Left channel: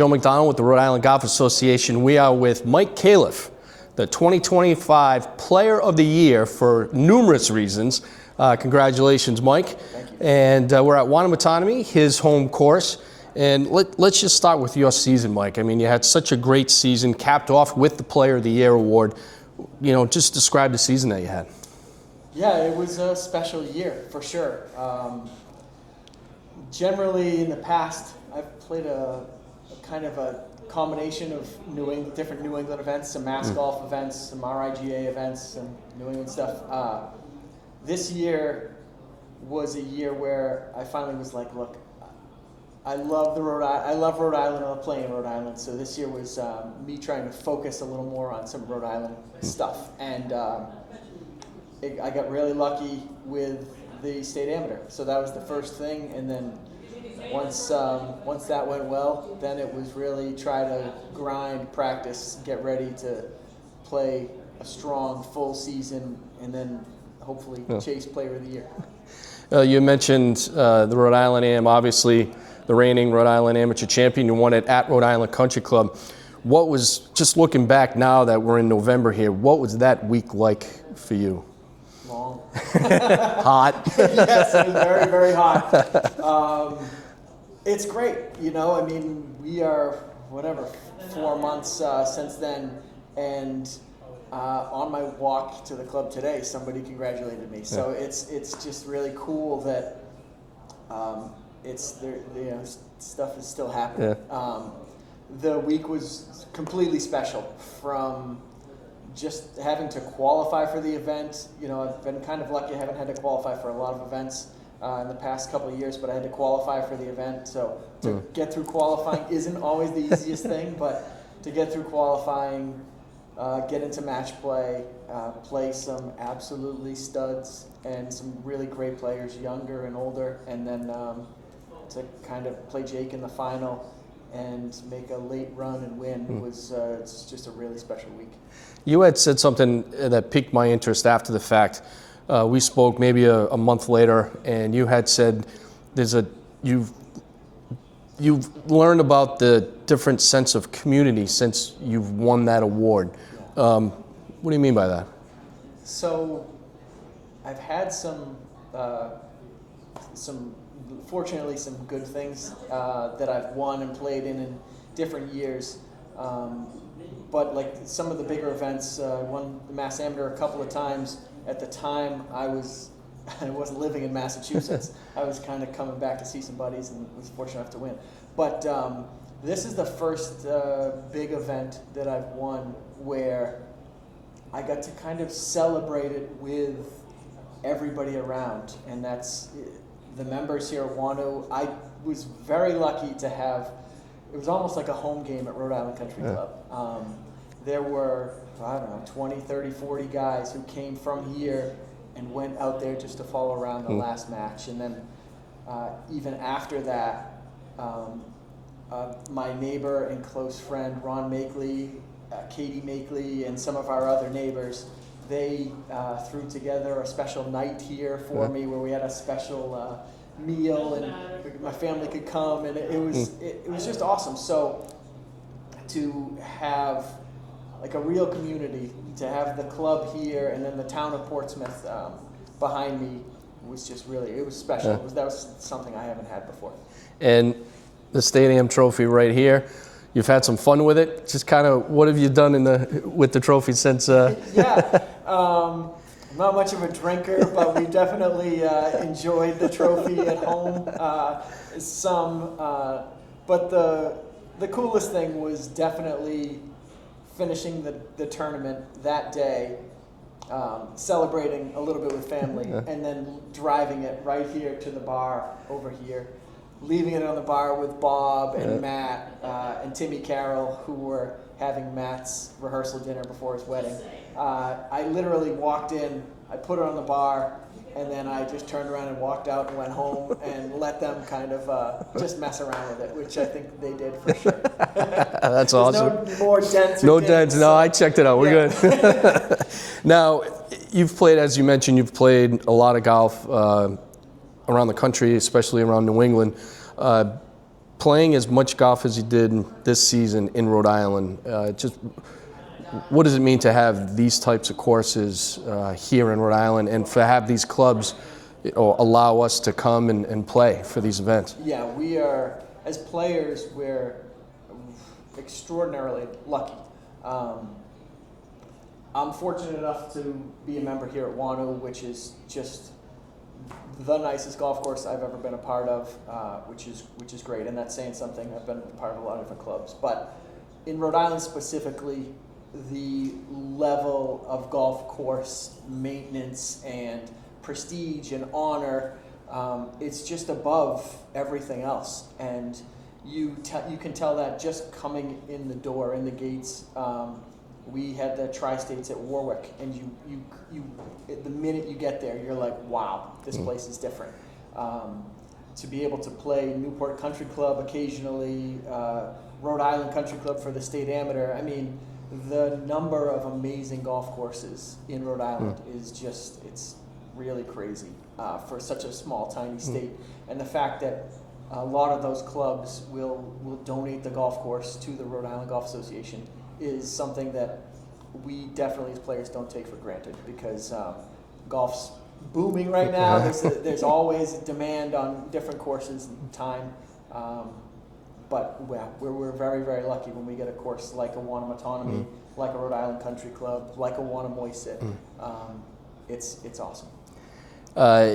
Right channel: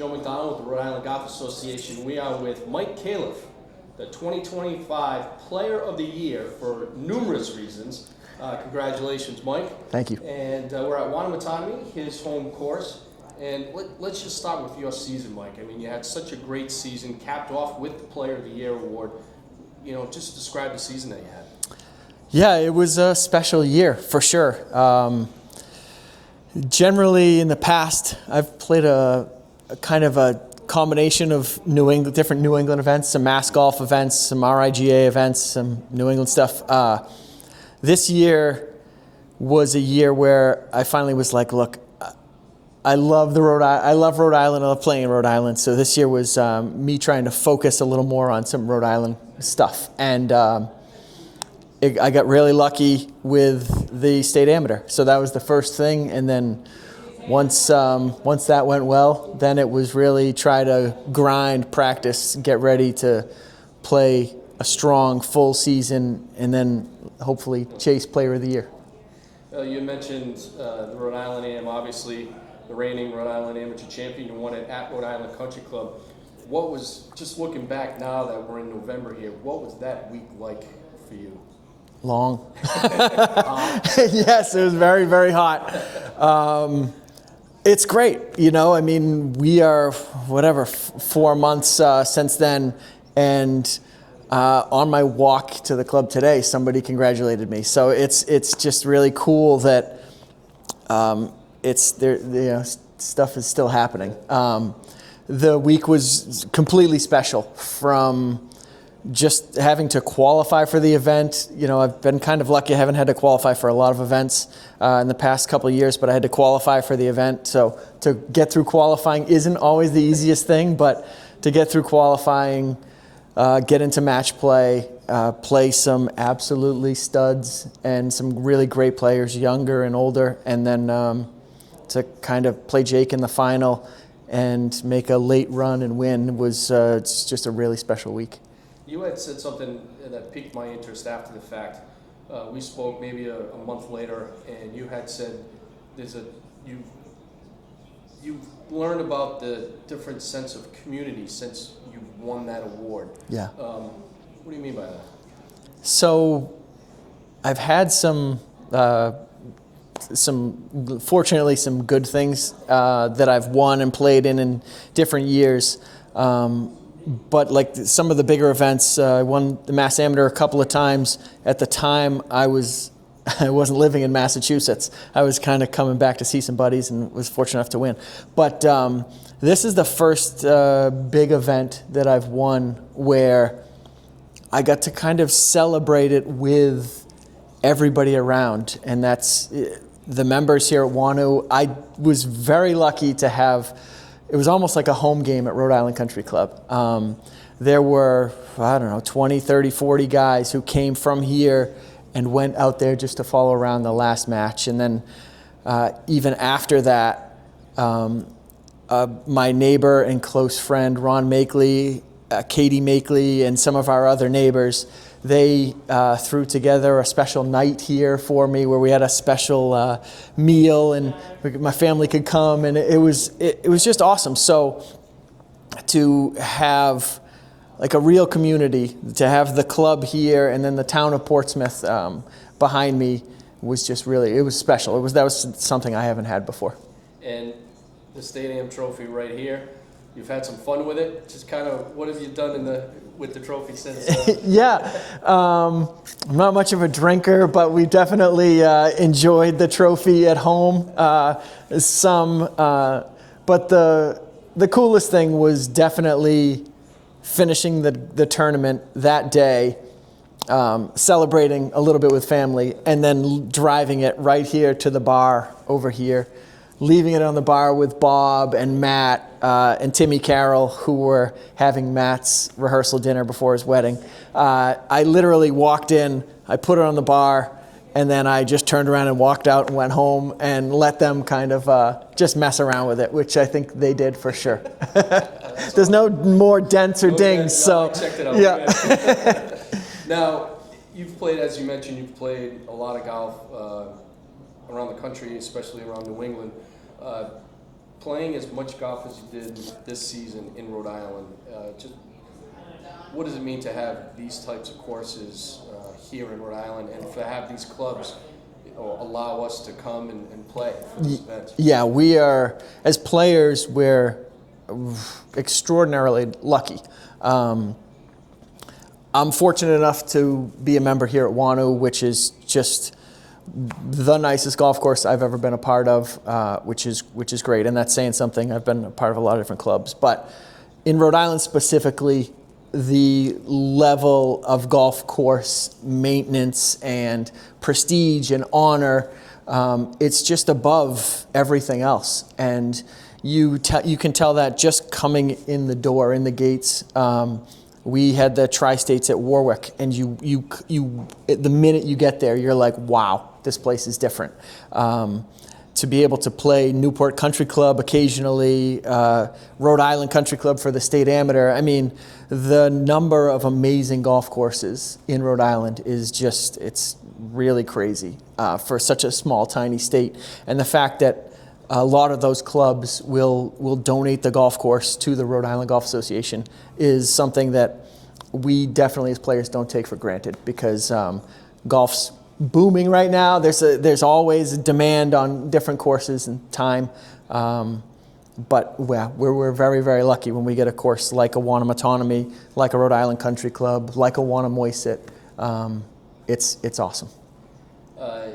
Joe McDonald with the Rhode Island Golf Association. We are with Mike Calef, the 2025 Player of the Year for numerous reasons. Congratulations, Mike. Thank you. And we're at Wanamatanami, his home course. And let's just start with your season, Mike. I mean, you had such a great season, capped off with the Player of the Year award. You know, just describe the season that you had. Yeah, it was a special year for sure. Generally, in the past, I've played a kind of a combination of different New England events, some mass golf events, some RIGA events, some New England stuff. This year was a year where I finally was like, look, I love Rhode Island. I love playing in Rhode Island. So this year was me trying to focus a little more on some Rhode Island stuff. And I got really lucky with the state amateur. So that was the first thing. And then once that went well, then it was really try to grind, practice, get ready to play a strong full season, and then hopefully chase Player of the Year. You mentioned the Rhode Island Am, obviously the reigning Rhode Island Amateur Champion. You won it at Rhode Island Country Club. What was, just looking back now that we're in November here, what was that week like for you? Long. Hot. Yes, it was very, very hot. It's great, you know. I mean, we are 4 months since then, and on my walk to the club today, somebody congratulated me. So it's just really cool that it's there. You know, stuff is still happening. Yeah. The week was completely special, from just having to qualify for the event. You know, I've been kind of lucky. I haven't had to qualify for a lot of events in the past couple of years, but I had to qualify for the event. So to get through qualifying isn't always the easiest thing, but to get through qualifying, get into match play, play some absolutely studs and some really great players, younger and older, and then to kind of play Jake in the final and make a late run and win was it's just a really special week. You had said something that piqued my interest after the fact. We spoke maybe a month later, and you had said you've learned about the different sense of community since you've won that award. Yeah. What do you mean by that? So I've had fortunately some good things that I've won and played in different years. But like some of the bigger events, I won the Mass Amateur a couple of times. At the time, I wasn't living in Massachusetts. I was kind of coming back to see some buddies and was fortunate enough to win. But this is the first big event that I've won where I got to kind of celebrate it with everybody around, and that's the members here at WANU. I was very lucky to have. It was almost like a home game at Rhode Island Country Club. There were, 20, 30, 40 guys who came from here and went out there just to follow around the last match. And then even after that, my neighbor and close friend, Ron Makeley, Katie Makeley, and some of our other neighbors, they threw together a special night here for me where we had a special meal and my family could come, and it was just awesome. So to have like a real community, to have the club here and then the town of Portsmouth behind me was just really, it was special. Yeah. That was something I haven't had before. And the Stadium trophy right here. You've had some fun with it. Just kind of, what have you done with the trophy since? Yeah, I'm not much of a drinker, but we definitely enjoyed the trophy at home. But the coolest thing was definitely finishing the tournament that day, celebrating a little bit with family, and then driving it right here to the bar over here. Leaving it on the bar with Bob and Matt and Timmy Carroll, who were having Matt's rehearsal dinner before his wedding. I literally walked in, I put it on the bar, and then I just turned around and walked out and went home and let them kind of just mess around with it, which I think they did for sure. That's There's awesome. no more dents or no dings. Dents. No, so, I checked it out. Yeah. We're good. Now, you've played, as you mentioned, you've played a lot of golf around the country, especially around New England. playing as much golf as you did this season in Rhode Island, just what does it mean to have these types of courses here in Rhode Island, and to have these clubs allow us to come and play for these events? Yeah, we are, as players, we're extraordinarily lucky. I'm fortunate enough to be a member here at Wanu, which is just the nicest golf course I've ever been a part of, which is great, and that's saying something. I've been a part of a lot of different clubs, but in Rhode Island specifically, the level of golf course maintenance and prestige and honor, it's just above everything else, and you can tell that just coming in the door, in the gates. We had the Tri-States at Warwick, and you the minute you get there, you're like, wow, this place is different. To be able to play Newport Country Club occasionally, Rhode Island Country Club for the state amateur. I mean, the number of amazing golf courses in Rhode Island is just, it's really crazy for such a small, tiny state. And the fact that a lot of those clubs will donate the golf course to the Rhode Island Golf Association is something that we definitely as players don't take for granted, because golf's booming right now. There's always a demand on different courses and time. But yeah, we're very, very lucky when we get a course like a Wanamatonamy, like a Rhode Island Country Club, like a Wannamoyset. It's awesome.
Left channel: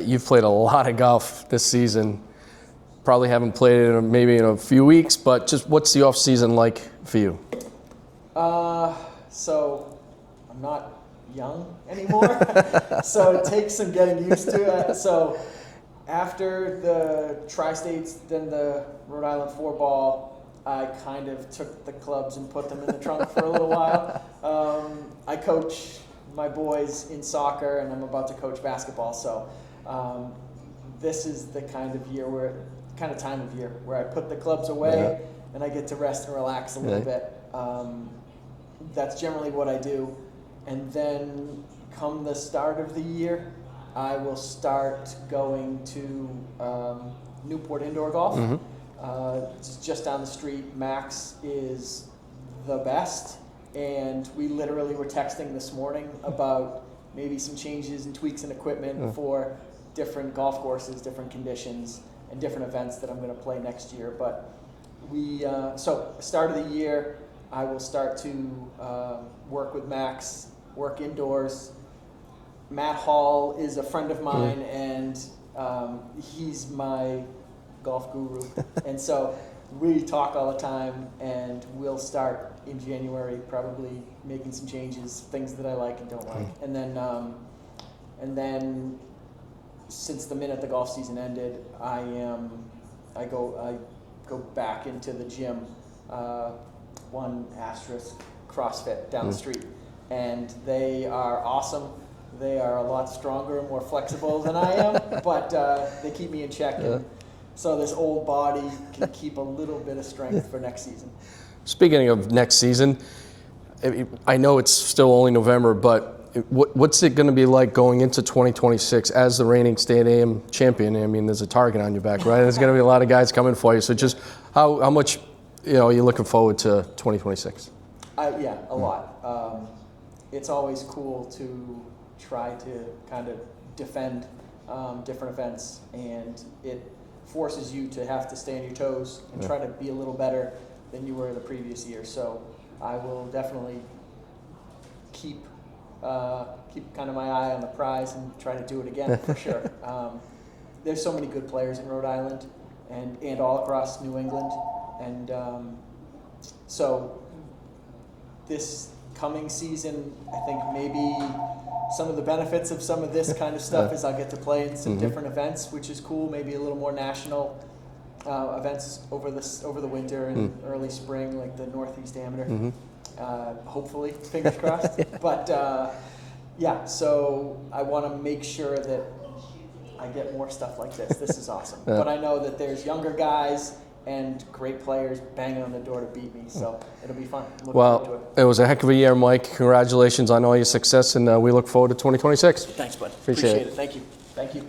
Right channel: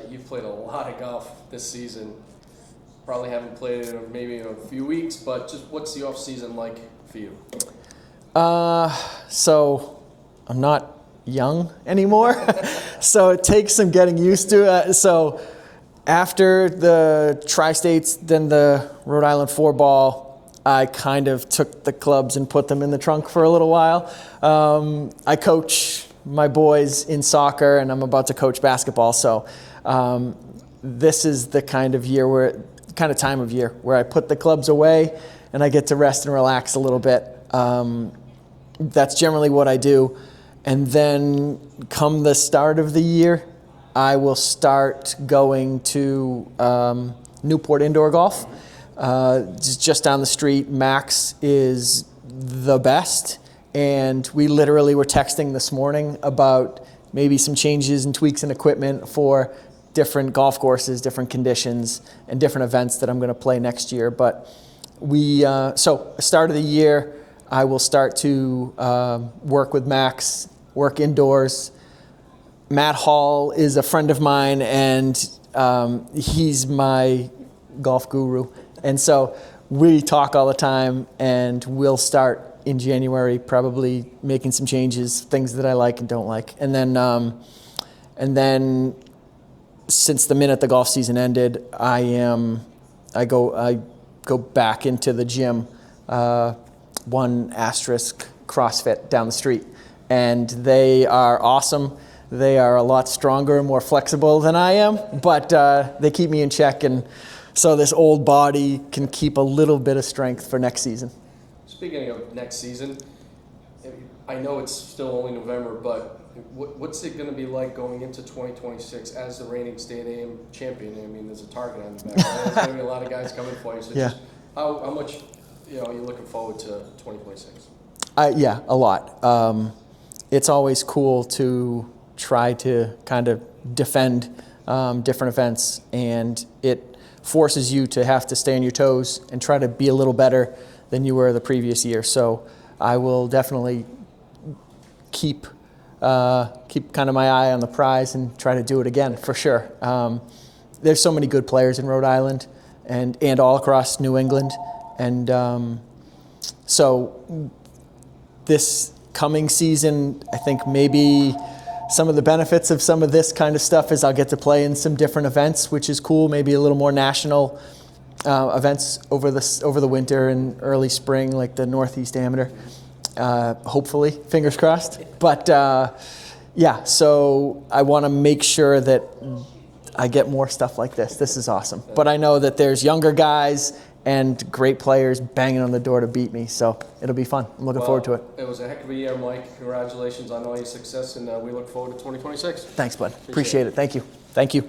You've played a lot of golf this season. Probably haven't played it maybe in a few weeks, but just what's the off season like for you? So I'm not young anymore, so it takes some getting used to. So after the Tri-States, then the Rhode Island 4-ball, I kind of took the clubs and put them in the trunk for a little while. I coach my boys in soccer, and I'm about to coach basketball. So this is the kind of time of year where I put the clubs away and I get to rest and relax a little bit. That's generally what I do. And then come the start of the year, I will start going to Newport Indoor Golf. Just down the street. Max is the best. And we literally were texting this morning about maybe some changes and tweaks in equipment for different golf courses, different conditions, and different events that I'm going to play next year. But so start of the year, I will start to work with Max, work indoors. Matt Hall is a friend of mine, and he's my golf guru. And so we talk all the time, and we'll start in January probably making some changes, things that I like and don't like. And then since the minute the golf season ended, I go back into the gym, 1 asterisk CrossFit down the street, and they are awesome. They are a lot stronger and more flexible than I am, but they keep me in check, and so this old body can keep a little bit of strength for next season. Speaking of next season, I know it's still only November, but what's it going to be like going into 2026 as the reigning state AM champion? I mean, there's a target on your back, right? There's going to be a lot of guys coming for you. So just how much are you looking forward to 2026? Yeah, a lot. It's always cool to try to kind of defend different events, and it forces you to have to stay on your toes and try to be a little better than you were the previous year. So I will definitely keep kind of my eye on the prize and try to do it again for sure. There's so many good players in Rhode Island and all across New England, and so this coming season, I think maybe some of the benefits of some of this kind of stuff is I'll get to play in some different events, which is cool. Maybe a little more national events over the winter and early spring, like the Northeast Amateur. Hopefully, fingers crossed. But yeah, so I want to make sure that I get more stuff like this. This is awesome. But I know that there's younger guys and great players banging on the door to beat me, so it'll be fun. I'm looking forward to it. It was a heck of a year, Mike. Congratulations on all your success, and we look forward to 2026. Thanks, bud. Appreciate it. Thank you.